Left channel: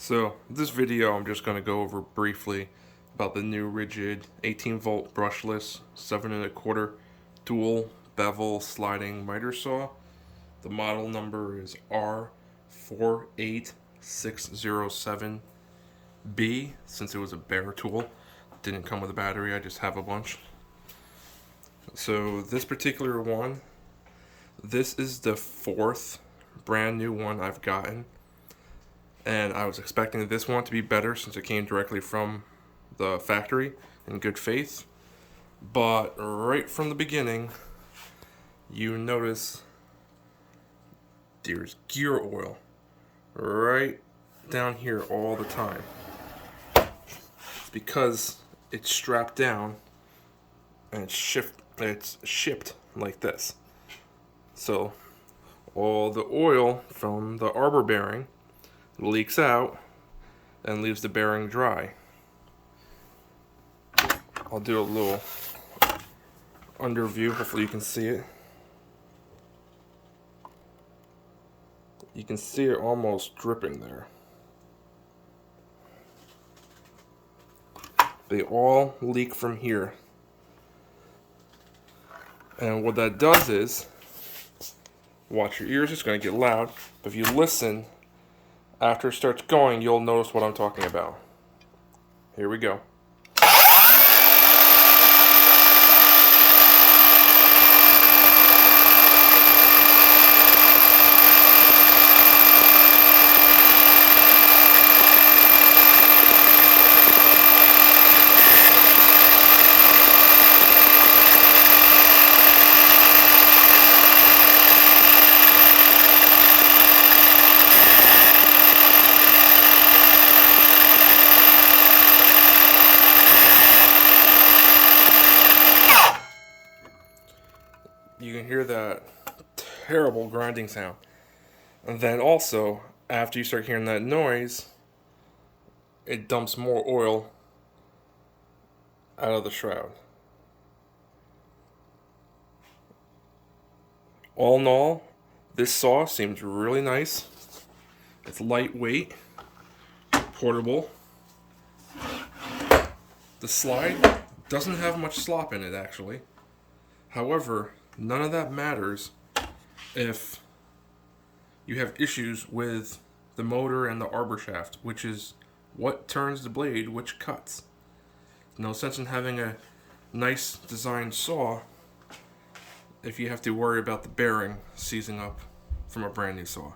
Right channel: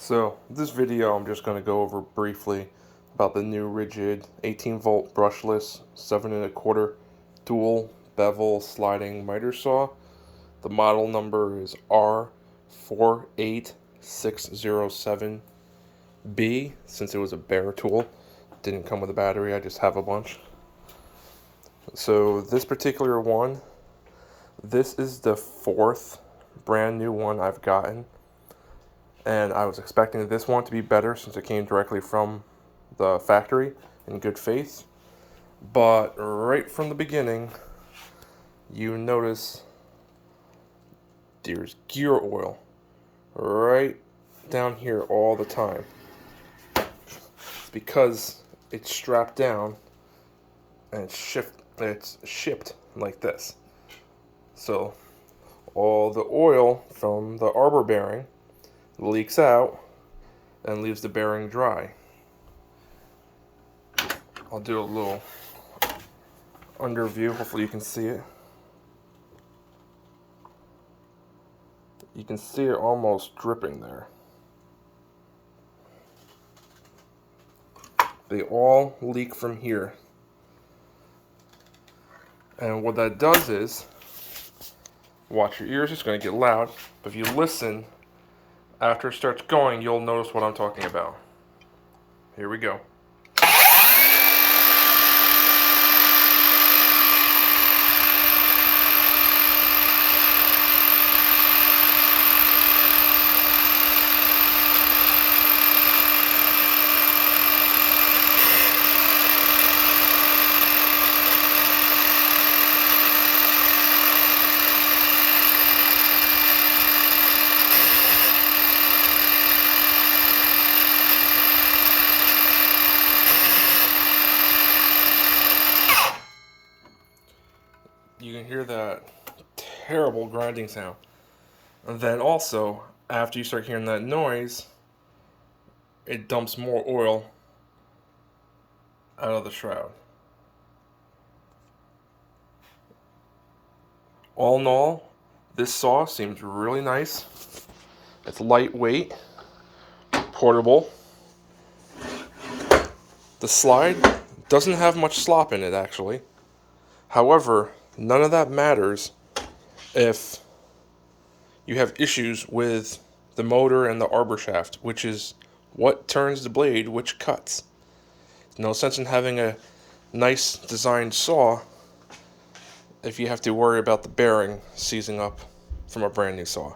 So this video I'm just going to go over briefly about the new Ridgid 18-volt brushless 7 1/4 dual bevel sliding miter saw. The model number is R48607B. Since it was a bare tool, didn't come with a battery, I just have a bunch. So this particular one, this is the fourth brand new one I've gotten. And I was expecting this one to be better since it came directly from the factory in good faith. But right from the beginning, you notice there's gear oil right down here all the time. It's because it's strapped down and it's shipped like this. So all the oil from the Arbor bearing leaks out and leaves the bearing dry. I'll do a little under view, hopefully you can see it. You can see it almost dripping there. They all leak from here. And what that does is, watch your ears, it's going to get loud, but if you listen, after it starts going, you'll notice what I'm talking about. Here we go. You can hear that terrible grinding sound. And then also, after you start hearing that noise, it dumps more oil out of the shroud. All in all, this saw seems really nice. It's lightweight, portable. The slide doesn't have much slop in it, actually. However, none of that matters if you have issues with the motor and the arbor shaft, which is what turns the blade, which cuts. No sense in having a nice designed saw if you have to worry about the bearing seizing up from a brand new saw.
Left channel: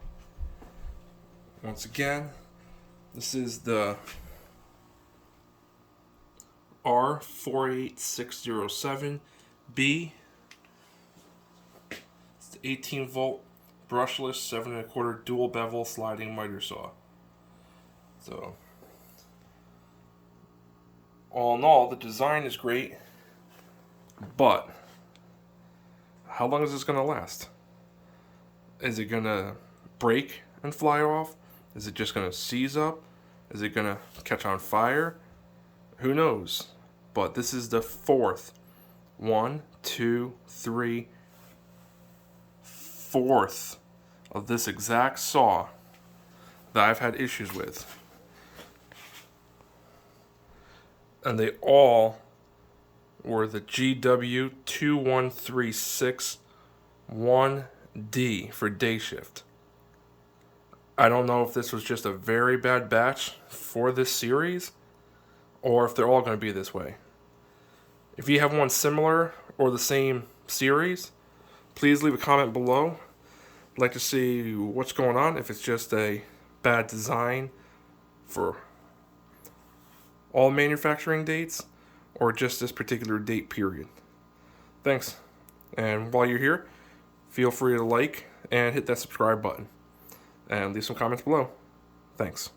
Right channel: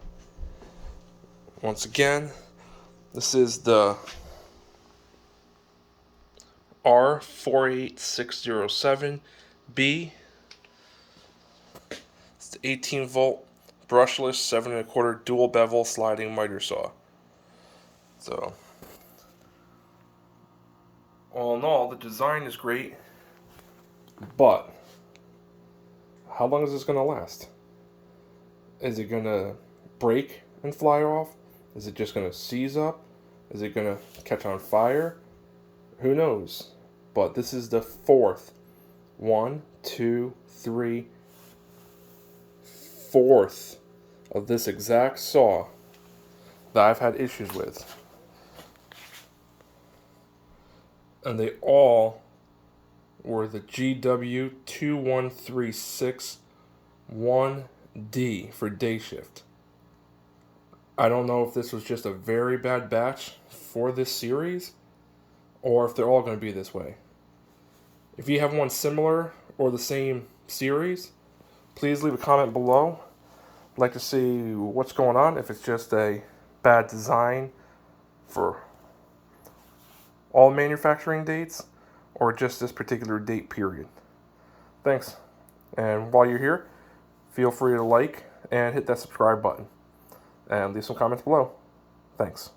Once again, this is the R48607B. 18-volt brushless 7 1/4 dual bevel sliding miter saw. So, all in all, the design is great, but how long is this going to last? Is it going to break and fly off? Is it just going to seize up? Is it going to catch on fire? Who knows? But this is the fourth of this exact saw that I've had issues with. And they all were the GW21361D for day shift. I don't know if this was just a very bad batch for this series, or if they're all going to be this way. If you have one similar or the same series, please leave a comment below. I'd like to see what's going on, if it's just a bad design for all manufacturing dates, or just this particular date period. Thanks. And while you're here, feel free to like and hit that subscribe button. And leave some comments below. Thanks.